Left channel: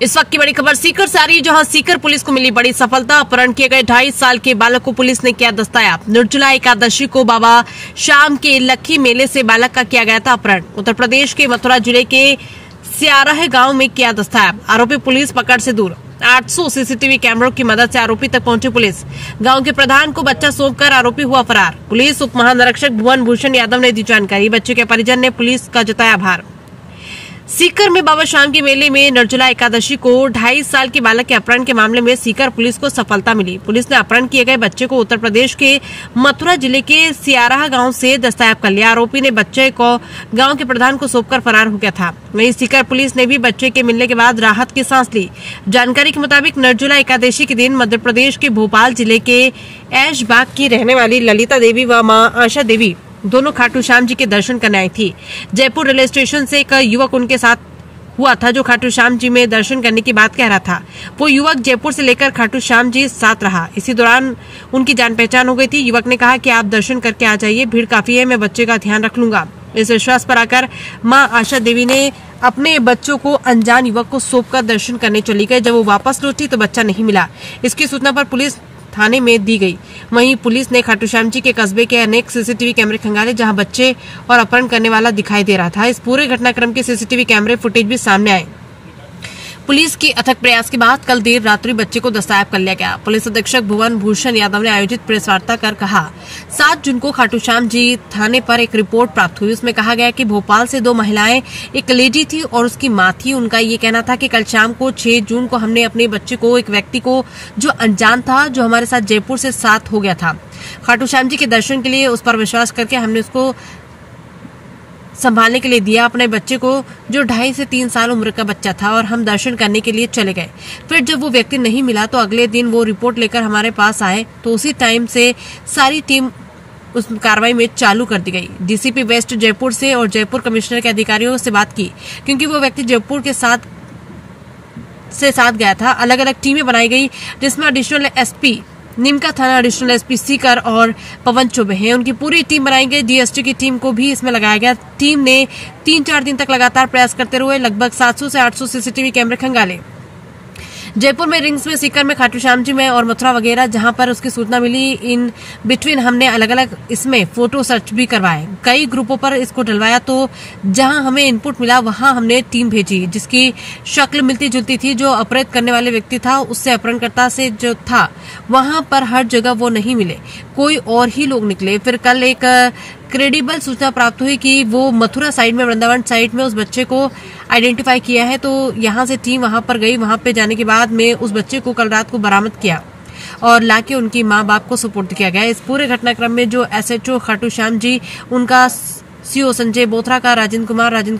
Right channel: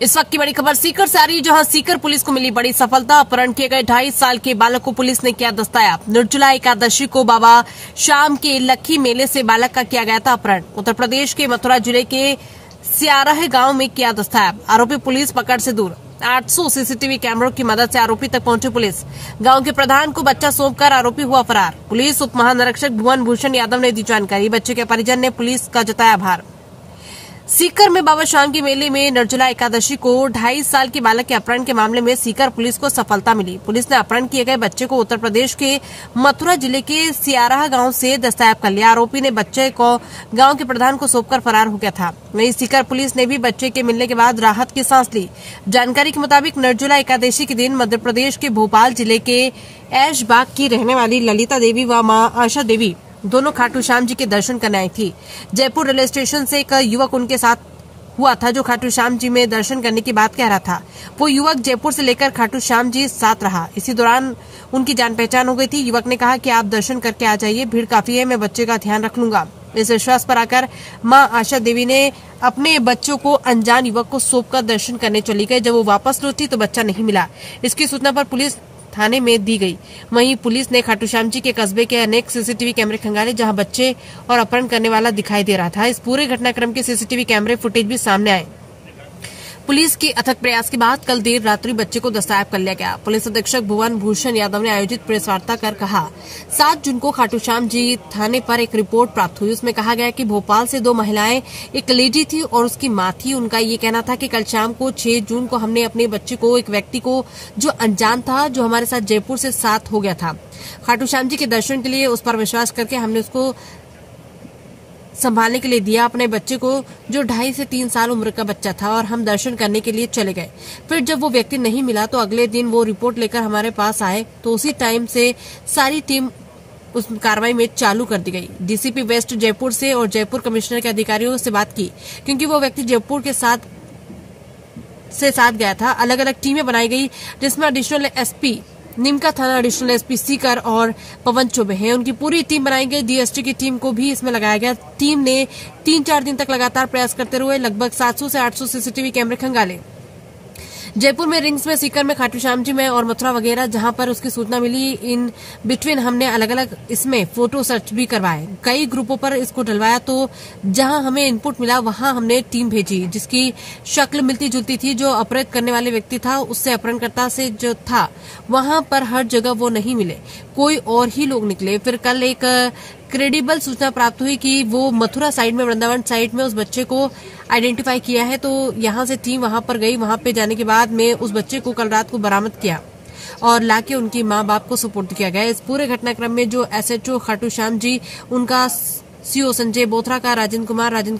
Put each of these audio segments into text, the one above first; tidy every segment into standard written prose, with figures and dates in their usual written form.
इस वक्त की बड़ी खबर सीकर से आ रही है, जहां सीकर पुलिस को मिली बड़ी सफलता। अपहरण किए गए 2.5 साल के बालक को पुलिस ने किया दस्तयाब। निर्जला एकादशी को बाबा शाम के लक्खी मेले से बालक का किया गया था अपहरण। उत्तर प्रदेश के मथुरा जिले के सियाराह गांव में किया दस्तयाब। आरोपी पुलिस पकड़ से दूर। 800 सीसीटीवी कैमरों की मदद से आरोपी तक पहुंची पुलिस। गांव के प्रधान को बच्चा सौंपकर आरोपी हुआ फरार। पुलिस उप महानिरीक्षक भुवन भूषण यादव ने दी जानकारी। बच्चे के परिजन ने पुलिस का जताया आभार। सीकर में बाबा शाम के मेले में निर्जला एकादशी को 2.5 साल के बालक के अपहरण के मामले में सीकर पुलिस को सफलता मिली। पुलिस ने अपहरण किए गए बच्चे को उत्तर प्रदेश के मथुरा जिले के सियाराह गांव से दस्तयाब कर लिया। आरोपी ने बच्चे को गांव के प्रधान को सौंपकर फरार हो गया था। वहीं सीकर पुलिस ने भी बच्चे के मिलने के बाद राहत की सांस ली। जानकारी के मुताबिक निर्जला एकादशी के दिन मध्य प्रदेश के भोपाल जिले के ऐशबाग की रहने वाली ललिता देवी व मां आशा देवी दोनों खाटू श्याम जी के दर्शन करने आई थी। जयपुर रेलवे स्टेशन से एक युवक उनके साथ हुआ था, जो खाटू श्याम जी में दर्शन करने की बात कह रहा था। वो युवक जयपुर से लेकर खाटू श्याम जी साथ रहा। इसी दौरान उनकी जान पहचान हो गई थी। युवक ने कहा कि आप दर्शन करके आ जाइए, भीड़ काफी है, मैं बच्चे का ध्यान रख लूंगा। इस विश्वास पर आकर मां आशा देवी ने अपने बच्चों को अनजान युवक को सौंपकर दर्शन करने चली गई। जब वो वापस लौटी तो बच्चा नहीं मिला। इसकी सूचना पर पुलिस थाने में दी गई। वहीं पुलिस ने खाटू श्याम जी के कस्बे के अनेक सीसीटीवी कैमरे खंगाले, जहां बच्चे और अपहरण करने वाला दिखाई दे रहा था। इस पूरे घटनाक्रम के सीसीटीवी कैमरे फुटेज भी सामने आए। पुलिस की अथक प्रयास के बाद कल देर रात्रि बच्चे को दस्तयाब कर लिया गया। पुलिस अधीक्षक भुवन भूषण यादव ने आयोजित प्रेस वार्ता कर कहा, 7 जून को खाटू श्याम जी थाने पर एक रिपोर्ट प्राप्त हुई। उसमें कहा गया कि भोपाल से 2 महिलाएं, एक लेडी थी और उसकी मां थी। उनका ये कहना था कि कल शाम को 6 जून को हमने अपने बच्चे को, एक व्यक्ति को जो अनजान था, जो हमारे साथ जयपुर से साथ हो गया था, खाटू श्याम जी के दर्शन के लिए उस पर विश्वास करके हमने उसको संभालने के लिए दिया, अपने बच्चे को, जो 2.5 से 3 साल उम्र का बच्चा था, और हम दर्शन करने के लिए चले गए। फिर जब वो व्यक्ति नहीं मिला तो अगले दिन वो रिपोर्ट लेकर हमारे पास आए, तो उसी टाइम से सारी टीम उस कार्रवाई में चालू कर दी गई। डीसीपी वेस्ट जयपुर से और जयपुर कमिश्नर के अधिकारियों से बात की, क्योंकि वो व्यक्ति जयपुर के साथ गया था। अलग अलग टीमें बनाई गई, जिसमें एडिशनल एसपी नीमका थाना, एडिशनल एसपी सीकर और पवन चौबे हैं। उनकी पूरी टीम बनाई गई। डीएसटी की टीम को भी इसमें लगाया गया। टीम ने 3-4 दिन तक लगातार प्रयास करते हुए लगभग 700 से 800 सीसीटीवी कैमरे खंगाले। जयपुर में, रिंग्स में, सीकर में, खाटू श्याम जी में और मथुरा वगैरह जहां पर उसकी सूचना मिली, इन बिटवीन हमने अलग अलग इसमें फोटो सर्च भी करवाए। कई ग्रुपों पर इसको डलवाया, तो जहां हमें इनपुट मिला वहां हमने टीम भेजी, जिसकी शक्ल मिलती जुलती थी। जो अपहरित करने वाले व्यक्ति था, उससे अपहरणकर्ता से जो था, वहां पर हर जगह वो नहीं मिले, कोई और ही लोग निकले। फिर कल एक क्रेडिबल सूचना प्राप्त हुई कि वो मथुरा साइड में, वृंदावन साइड में उस बच्चे को आइडेंटिफाई किया है। तो यहां से टीम वहां पर गई। वहां पे जाने के बाद में उस बच्चे को कल रात को बरामद किया और लाके उनकी मां बाप को सुपुर्द किया गया। इस पूरे घटनाक्रम में जो एसएचओ खाटू श्याम जी, उनका सीओ संजय बोथरा का राजेंद्र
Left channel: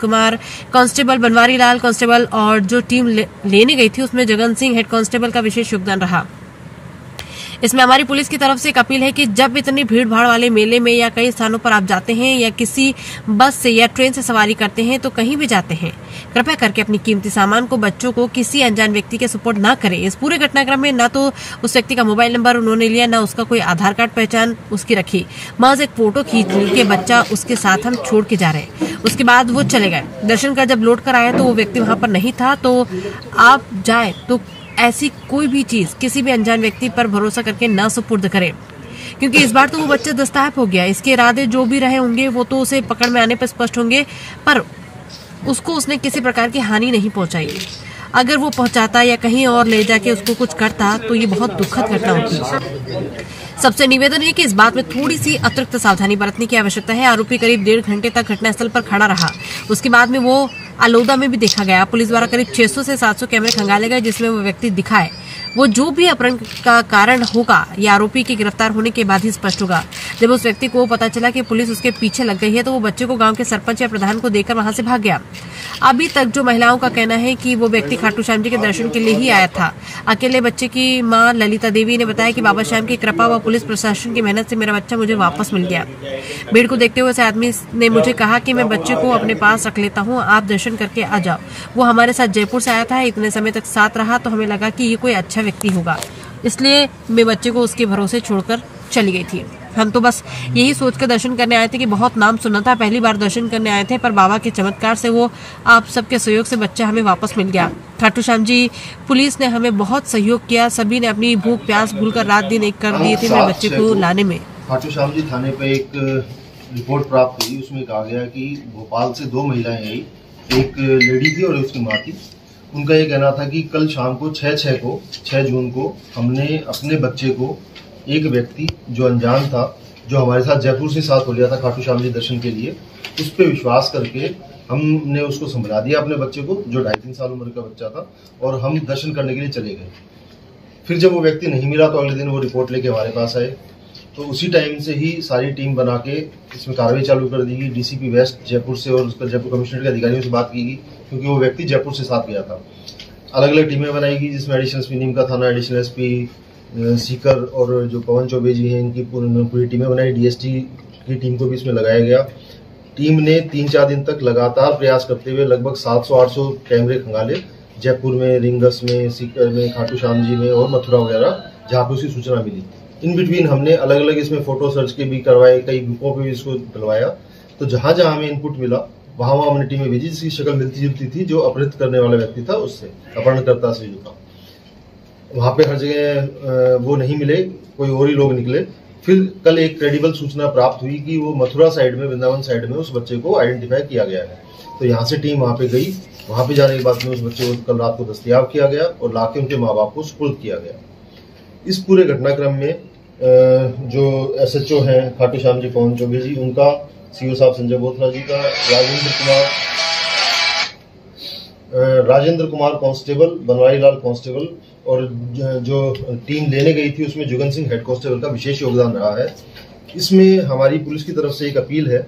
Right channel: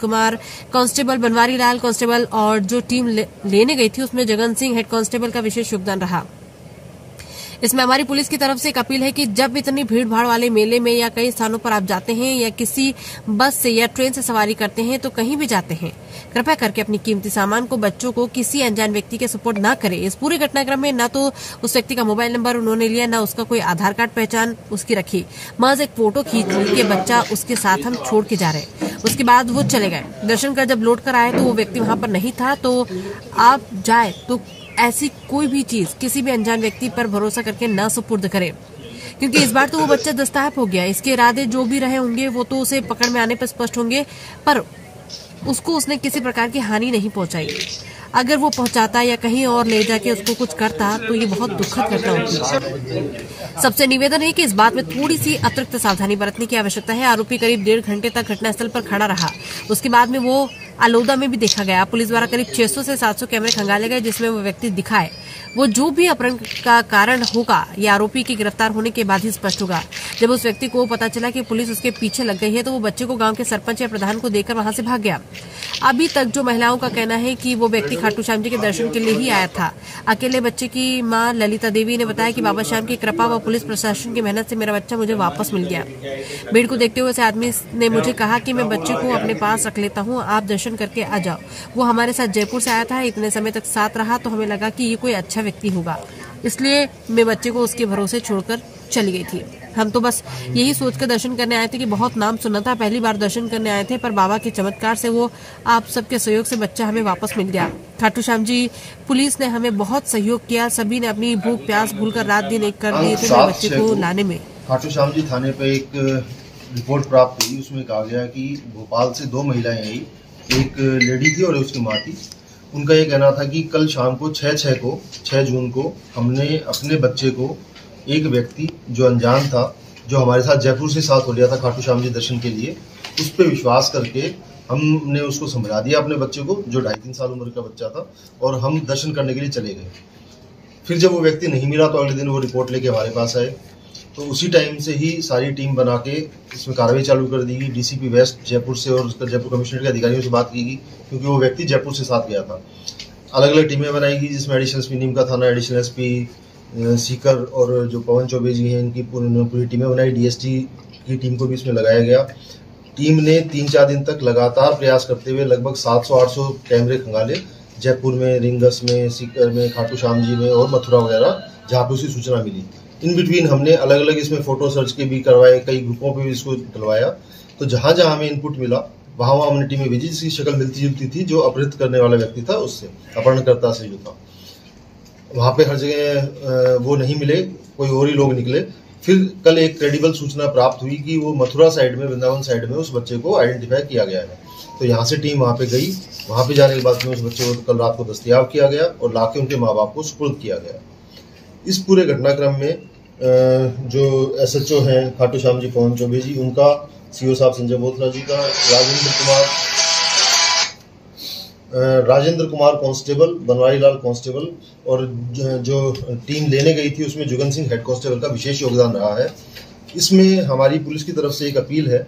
कुमार, कांस्टेबल बनवारी लाल कांस्टेबल, और जो टीम लेने गई थी उसमें जगन सिंह हेड कांस्टेबल का विशेष योगदान रहा। इसमें हमारी पुलिस की तरफ से एक अपील है कि जब इतनी भीड़ भाड़ वाले मेले में या कई स्थानों पर आप जाते हैं, या किसी बस से या ट्रेन से सवारी करते हैं, तो कहीं भी जाते हैं, कृपया करके अपनी कीमती सामान को, बच्चों को किसी अनजान व्यक्ति के सुपुर्द ना करें। इस पूरे घटनाक्रम में ना तो उस व्यक्ति का मोबाइल नंबर उन्होंने लिया, ना उसका कोई आधार कार्ड पहचान उसकी रखी। महज एक फोटो खींच के बच्चा उसके साथ हम छोड़ के जा रहे। उसके बाद वो चले गए। दर्शन कर जब लौट कर आए तो वो व्यक्ति वहां पर नहीं था। तो आप जाए तो ऐसी कोई भी चीज किसी भी अनजान व्यक्ति पर भरोसा करके न सुपुर्द करें, क्योंकि इस बार तो वो बच्चा दस्तयाब हो गया। इसके इरादे जो भी रहे होंगे वो तो उसे पकड़ में आने पर स्पष्ट होंगे, पर उसको उसने किसी प्रकार की हानि नहीं पहुंचाई। अगर वो पहुंचाता या कहीं और ले जाके उसको कुछ करता तो ये बहुत दुखद घटना होती। सबसे निवेदन है कि इस बात में थोड़ी सी अतिरिक्त सावधानी बरतने की आवश्यकता है। आरोपी करीब 1.5 घंटे तक घटनास्थल पर खड़ा रहा। उसके बाद में वो अलोदा में भी देखा गया। पुलिस द्वारा करीब 600 से 700 कैमरे खंगाले गए, जिसमें वो व्यक्ति दिखाए। वो जो भी अपहरण का कारण होगा, या आरोपी के गिरफ्तार होने के बाद ही स्पष्ट होगा। जब उस व्यक्ति को पता चला कि पुलिस उसके पीछे लग गई है, तो वो बच्चे को गांव के सरपंच या प्रधान को देकर वहां से भाग गया। अभी तक जो महिलाओं का कहना है कि वो व्यक्ति खाटू श्याम जी के दर्शन के लिए ही आया था। अकेले बच्चे की मां ललिता देवी ने बताया कि बाबा श्याम की कृपा व पुलिस प्रशासन की मेहनत से मेरा बच्चा मुझे वापस मिल गया। भीड़ को देखते हुए उस आदमी ने मुझे कहा कि मैं बच्चे को अपने पास रख लेता हूँ, आप दर्शन करके आ जाओ। वो हमारे साथ जयपुर से आया था, इतने समय तक साथ रहा, तो हमें लगा कि ये कोई अच्छा व्यक्ति होगा, इसलिए मैं बच्चे को उसके भरोसे छोड़कर चली गई थी। हम तो बस यही सोच कर दर्शन करने आए थे कि बहुत नाम सुना था, पहली बार दर्शन करने आए थे, पर बाबा के चमत्कार से वो आप सबके सहयोग से बच्चा हमें वापस मिल गया। खाटू श्याम जी पुलिस ने हमें बहुत सहयोग किया, सभी ने अपनी भूख प्यास भूलकर रात दिन एक कर दिए थे बच्चे को लाने में। खाटू श्याम जी थाने पे एक रिपोर्ट प्राप्त हुई, उसमें कहा गया कि भोपाल से 2 महिलाएं आई, एक लेडी थी और उसकी माँ थी। उनका ये कहना था कि कल शाम को 6 जून को हमने अपने बच्चे को एक व्यक्ति जो अनजान था, जो हमारे साथ जयपुर से साथ हो लिया था खाटू श्याम जी दर्शन के लिए, उस पर विश्वास करके हमने उसको समझा दिया अपने बच्चे को, जो 2.5-3 साल उम्र का बच्चा था, और हम दर्शन करने के लिए चले गए। फिर जब वो व्यक्ति नहीं मिला तो अगले दिन वो रिपोर्ट लेके हमारे पास आए, तो उसी टाइम से ही सारी टीम बना के इसमें कार्रवाई चालू कर दी गई। डीसीपी वेस्ट जयपुर से और उसका जयपुर कमिश्नरेट के अधिकारियों से बात की गई, क्योंकि वो व्यक्ति जयपुर से साथ गया था। अलग अलग टीमें बनाई गई, जिसमें एडिशनल एसपी नीम का थाना, एडिशनल एसपी सीकर और जो पवन चौबे जी हैं, इनकी पूरी टीमें बनाई। डीएसटी की टीम को भी इसमें लगाया गया। टीम ने 3-4 दिन तक लगातार प्रयास करते हुए लगभग 700-800 कैमरे खंगाले, जयपुर में, रिंगस में, सीकर में, खाटू श्याम जी में और मथुरा वगैरह, जहाँ पे उसकी सूचना मिली। इन बिटवीन हमने अलग अलग इसमें फोटो सर्च के भी करवाए, कई ग्रुपों पे भी इसको डलवाया। तो जहाँ जहाँ हमें इनपुट मिला वहाँ हमने टीमें भेजी, जिसकी शक्ल मिलती जुलती थी जो अपहृत करने वाला व्यक्ति था उससे, अपहरणकर्ता से जो था। वहाँ पे हर जगह वो नहीं मिले, कोई और ही लोग निकले। फिर कल एक क्रेडिबल सूचना प्राप्त हुई कि वो मथुरा साइड में, वृंदावन साइड में उस बच्चे को आइडेंटिफाई किया गया है। तो यहाँ से टीम वहाँ पे गई। वहाँ पे जाने के बाद में उस बच्चे को कल रात को दस्तयाब किया गया और लाके उनके माँ बाप को सुपुर्द किया गया। इस पूरे घटनाक्रम में जो एसएचओ हैं खाटू श्याम जी पवन चौबे जी, उनका, सीओ साहब संजय बोथरा जी का, राजेंद्र कुमार कांस्टेबल, बनवारी लाल कांस्टेबल, और जो टीम लेने गई थी उसमें जुगन सिंह हेड कांस्टेबल का विशेष योगदान रहा है। इसमें हमारी पुलिस की तरफ से एक अपील है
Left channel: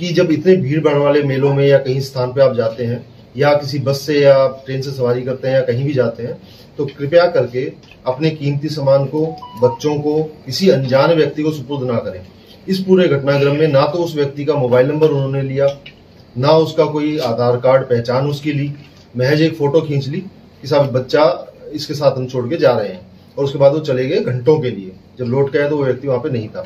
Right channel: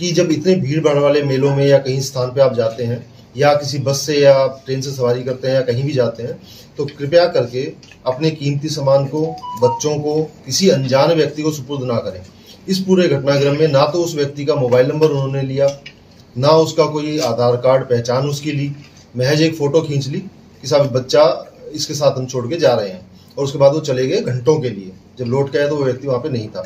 कि जब इतने भीड़ भाड़ वाले मेलों में या कहीं स्थान पे आप जाते हैं, या किसी बस से या ट्रेन से सवारी करते हैं या कहीं भी जाते हैं, तो कृपया करके अपने कीमती सामान को, बच्चों को किसी अनजान व्यक्ति को सुपुर्द ना करें। इस पूरे घटनाक्रम में ना तो उस व्यक्ति का मोबाइल नंबर उन्होंने लिया, ना उसका कोई आधार कार्ड पहचान उसकी ली, महज एक फोटो खींच ली कि साहब बच्चा इसके साथ हम छोड़ के जा रहे हैं, और उसके बाद वो चले गए घंटों के लिए। जब लौट के आए तो वो व्यक्ति वहां पे नहीं था।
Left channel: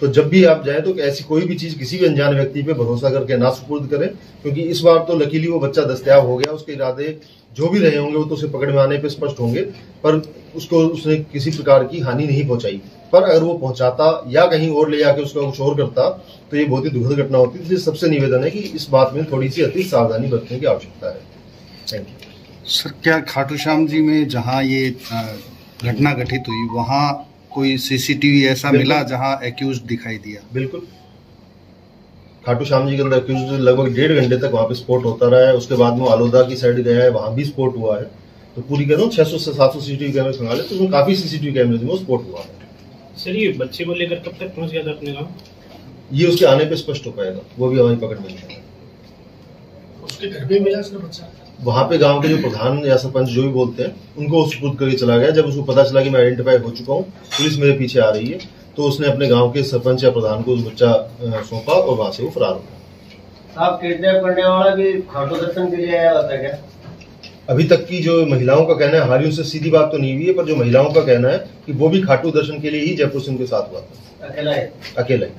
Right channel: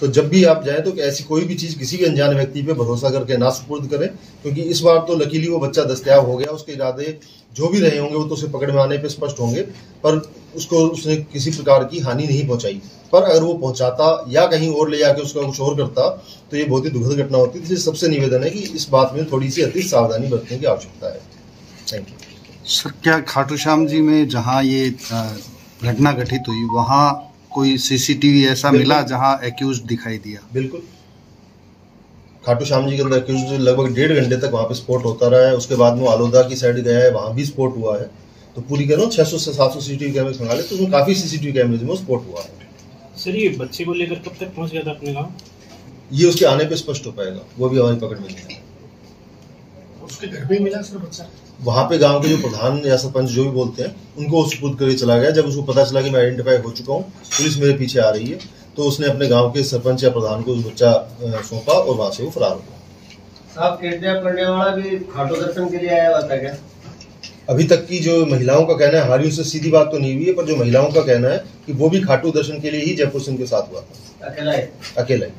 तो जब भी आप जाएं तो ऐसी कोई भी चीज किसी भी अनजान व्यक्ति पे भरोसा करके ना सुपुर्द करें, क्योंकि इस बार तो लकीली वो बच्चा दस्तयाब हो गया। उसके इरादे जो भी रहे होंगे वो तो उसे पकड़ में आने पे स्पष्ट होंगे, पर उसने किसी प्रकार की हानि नहीं पहुंचाई। पर अगर वो पहुंचाता या कहीं और ले जाके उसका कुछ और करता तो ये बहुत ही दुखद घटना होती। इसलिए सबसे निवेदन है कि इस बात में थोड़ी सी अति सावधानी बरतने की आवश्यकता है। Thank you sir. क्या खाटू श्याम जी में जहाँ ये घटना घटित हुई वहाँ कोई सीसीटीवी ऐसा मिला जहाँ एक्यूज दिखाई दिया? बिल्कुल, खाटू श्याम जी के अंदर एक्यूज लगभग 1.5 घंटे तक वहाँ पे स्पॉट होता रहा है। उसके बाद में आलोदा की साइड गया है, वहाँ भी स्पॉट हुआ है। तो पूरी कह रहा हूँ 600 से 700 सीसीटीवी कैमरे खंगाले, तो उसमें काफी सीसीटीवी कैमरे में स्पॉट हुआ है। सर ये बच्चे को लेकर कब तक पहुंच गया था अपने गांव? ये उसके आने पे स्पष्ट हो पाएगा, वो भी हमारी पकड़ में नहीं है। उसके घर पे मिला इसका बच्चा? वहाँ पे गांव के जो प्रधान या सरपंच जो भी बोलते हैं उनको सुपुर्द करके चला गया। जब उसको पता चला कि मैं आइडेंटिफाई हो चुका हूँ, पुलिस मेरे पीछे आ रही है, तो उसने अपने गांव के सरपंच या प्रधान को उस बच्चा सौंपा और वहां से वो फरार हो गया। साहब किडनैप करने वाला भी खाटू दर्शन के लिए आया होता क्या? अभी तक की जो महिलाओं का कहना है, हमारी उससे सीधी बात तो नहीं हुई है, पर जो महिलाओं का कहना है कि वो भी खाटू दर्शन के लिए ही जयपुर से उनके साथ हुआ था, अकेला ही।